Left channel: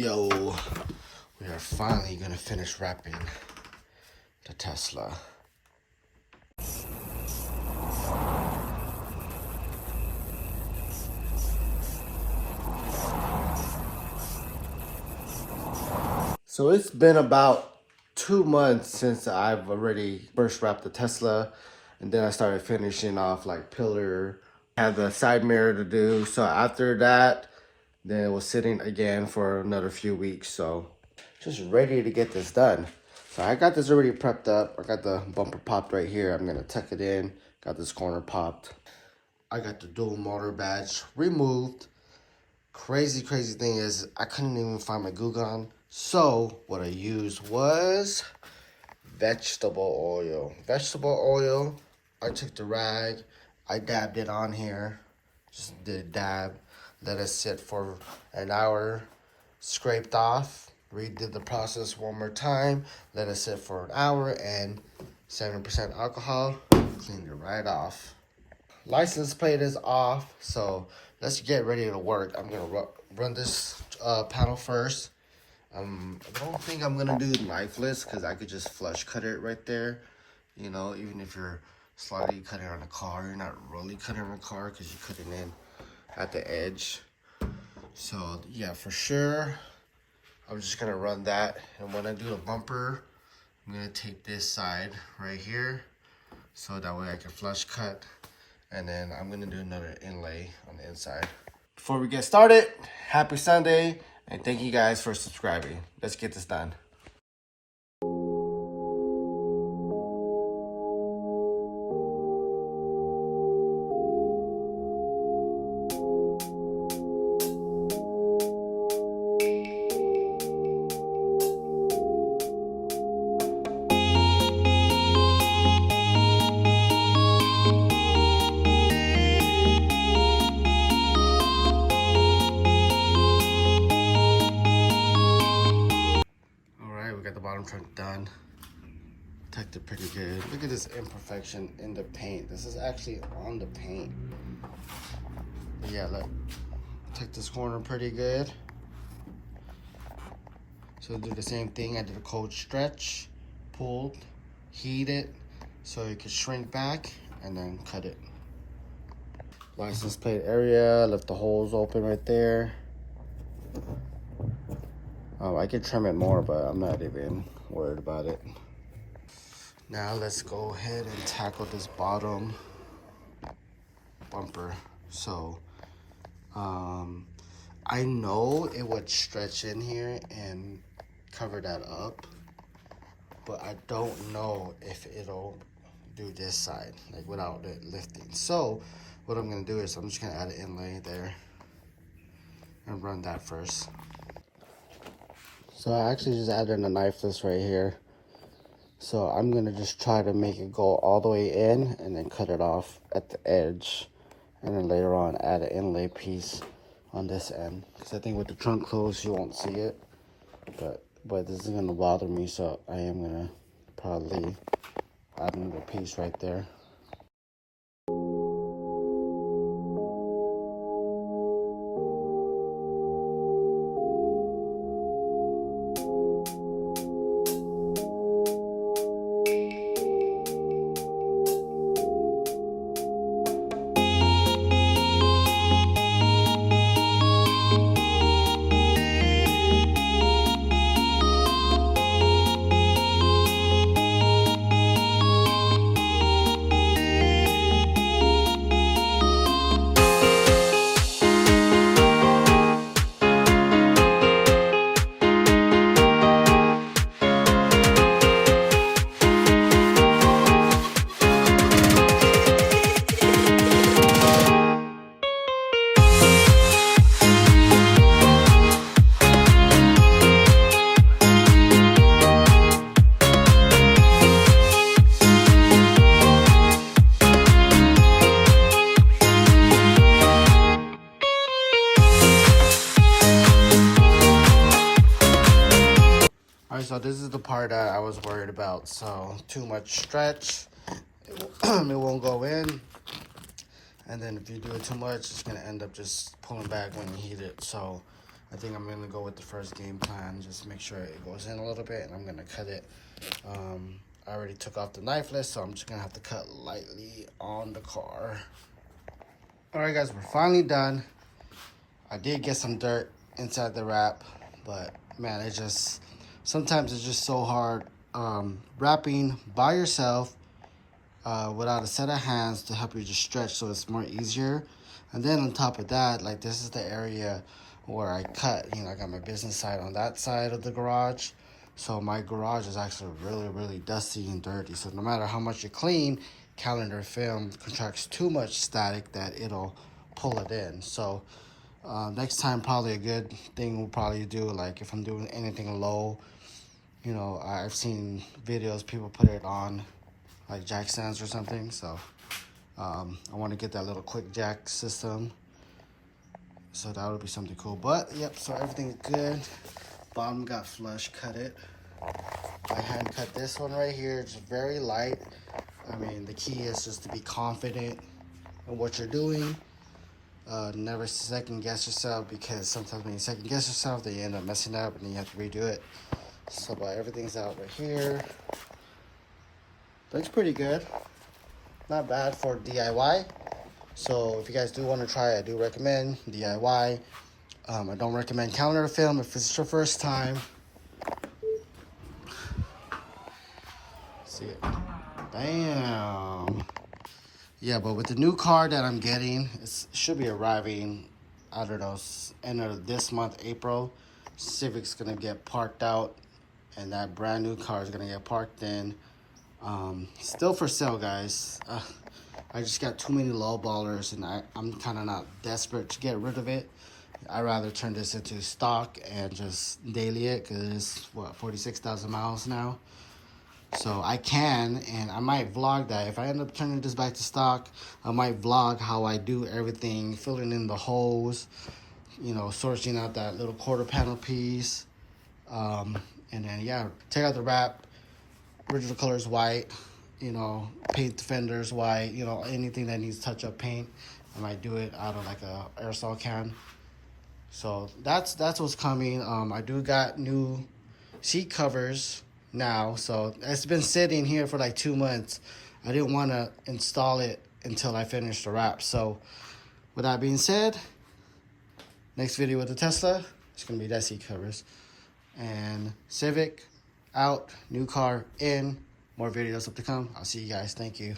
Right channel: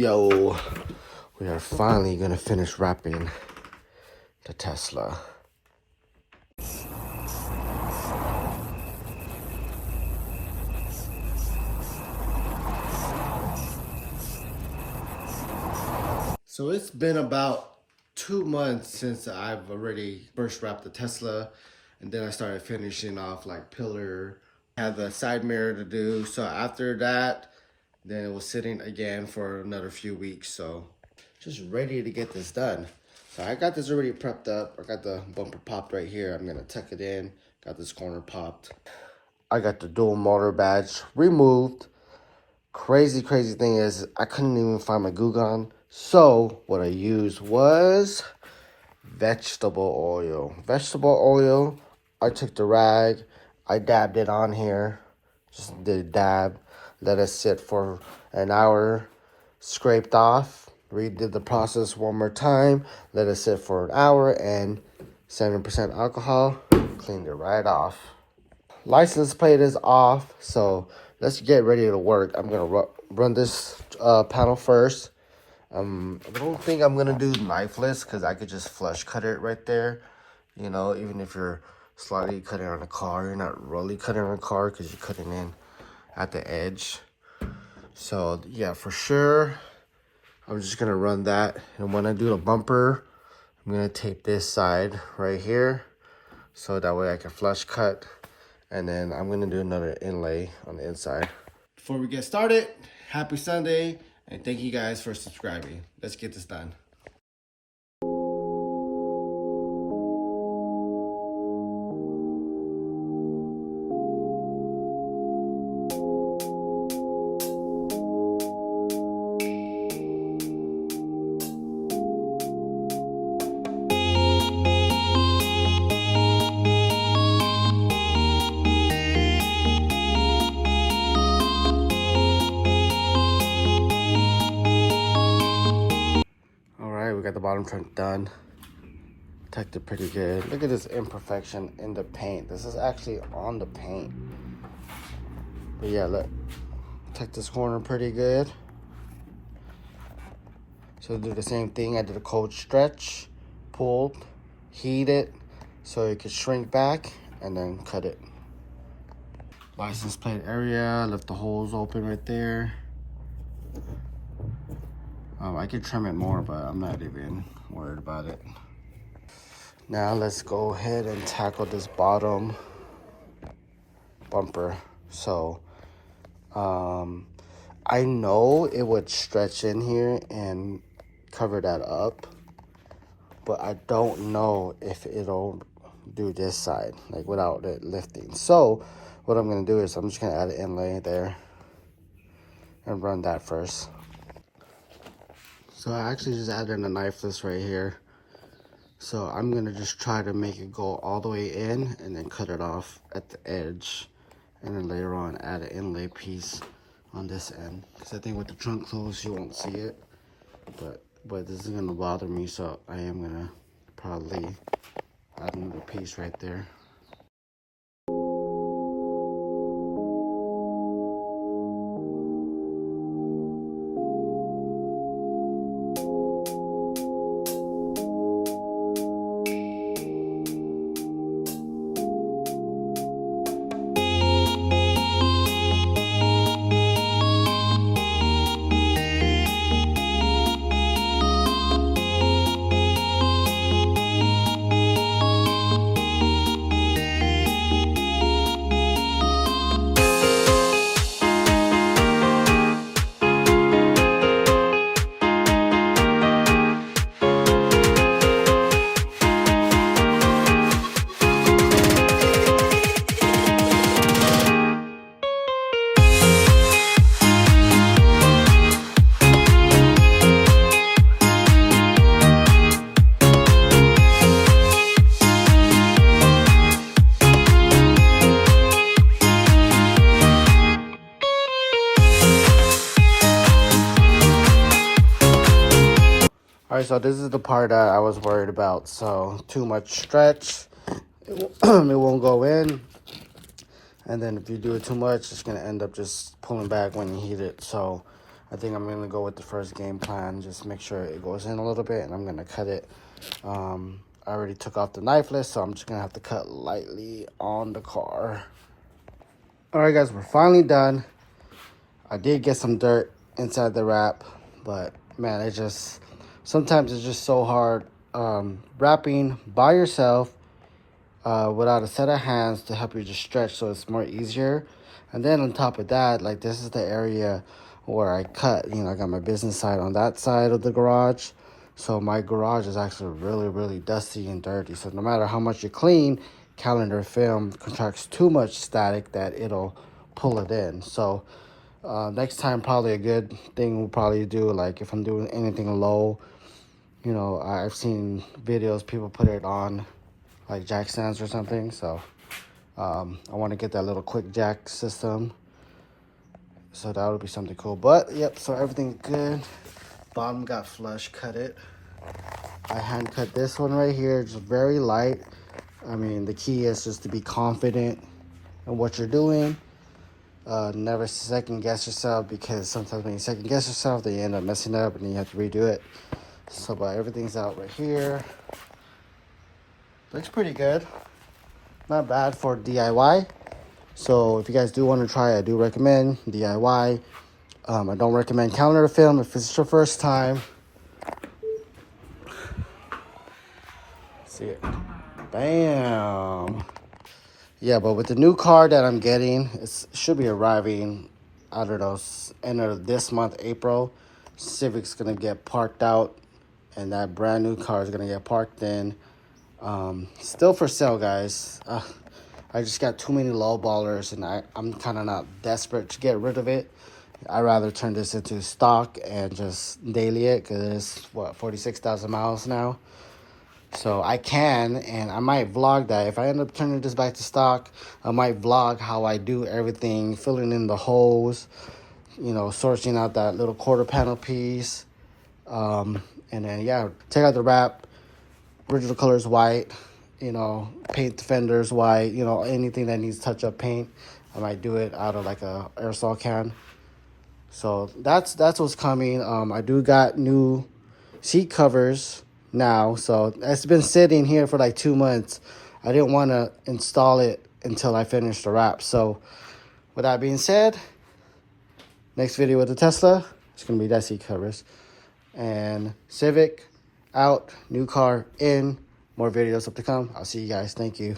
Yo, we are finally gonna finish wrapping the Tesla. So it's been about 2 months since I've already first wrapped the Tesla, and then I started finishing off like pillar, had the side mirror to do. So after that, then it was sitting again for another few weeks. So just ready to get this done. So I got this already prepped up. I got the bumper popped right here. I'm gonna tuck it in. Got this corner popped. I got the dual motor badge removed. Crazy thing is I couldn't even find my glue gun. So what I used was vegetable oil. I took the rag, I dabbed it on here. Just did a dab. Let it sit for an hour. Scraped off. Redid the process one more time. Let it sit for an hour and 7% alcohol. Cleaned it right off. License plate is off, so let's get ready to work. I'm gonna run this panel first. I don't think I'm gonna do knifeless because I could just flush cut it right there. You know, even if you're slightly cutting on a car, you're not really cutting on a car because you're cutting in at the edge. So yeah, for sure, I'm just gonna run that. And when I do the bumper, I'm gonna tape this side right here, so that way I can flush cut. And then I'm gonna do another inlay on the inside. Before we get started, happy Sunday, and thank you guys for subscribing. Let's get this done. We got the bottom trunk done. Protected pretty good. Look at this imperfection in the paint. This is actually on the paint. But yeah, look. Protect this corner pretty good. So do the same thing. I did a cold stretch, pulled, heat it so it could shrink back, and then cut it. License plate area, left the holes open right there. I could trim it more, but I'm not even worried about it. Now let's go ahead and tackle this bottom bumper. So, I know it would stretch in here and cover that up, but I don't know if it'll do this side, like without it lifting. So what I'm gonna do is I'm just gonna add an inlay there and run that first. So I actually just added a knifeless right here. So I'm gonna just try to make it go all the way in and then cut it off at the edge. And then later on add an inlay piece on this end. Because I think with the trunk closed you won't see it. But this isn't gonna bother me, so I am gonna probably add another piece right there. Alright, so this is the part that I was worried about. So too much stretch, it won't go in. And then if you do it too much, it's gonna end up just pulling back when you heat it. So I think I'm gonna go with the first game plan. Just make sure it goes in a little bit, and I'm gonna cut it. I already took off the knife list, so I'm just gonna have to cut lightly on the car. All right, guys, we're finally done. I did get some dirt inside the wrap, but man, sometimes it's just so hard wrapping by yourself without a set of hands to help you just stretch so it's more easier. And then on top of that, like, this is the area where I cut. You know, I got my business side on that side of the garage. So my garage is actually really, really dusty and dirty. So no matter how much you clean, calendar film contracts too much static that it'll pull it in. So next time, probably a good thing we'll probably do, like if I'm doing anything low, you know, I've seen videos, people put it on like jack stands or something. So I want to get that little quick jack system. So that would be something cool. But yep, so everything's good. Bottom got flush, cut it. I hand cut this one right here, just very light. I mean, the key is just to be confident in what you're doing. Never second guess yourself, because sometimes when you second guess yourself, then you end up messing up and then you have to redo it. So but everything's out right here. Looks pretty good. Not bad for DIY. So if you guys do want to try, I do recommend DIY. I don't recommend calendar film if it's your first time. See it? Bam. Yeah, but with the new car that I'm getting, it should be arriving, I don't know, end of this month, April. Civic's gonna get parked out, and that brand new car is gonna get parked in. Still for sale, guys. I just got too many low ballers, and I'm kind of not desperate to get rid of it. I'd rather turn this into stock and just daily it, because it's, what, 46,000 miles now. So I can, and I might vlog that. If I end up turning this back to stock, I might vlog how I do everything, filling in the holes, you know, sorting out that little quarter panel piece. And then, yeah, take out the wrap. Original color is white. You know, paint the fenders white. You know, anything that needs touch-up paint, I might do it out of like a aerosol can. So that's what's coming. I do got new seat covers now, so it's been sitting here for like 2 months. I didn't want to install it until I finished the wrap. So with that being said, next video with the Tesla, it's gonna be that seat covers. And Civic out, new car in, more videos up to come. I'll see you guys. Thank you.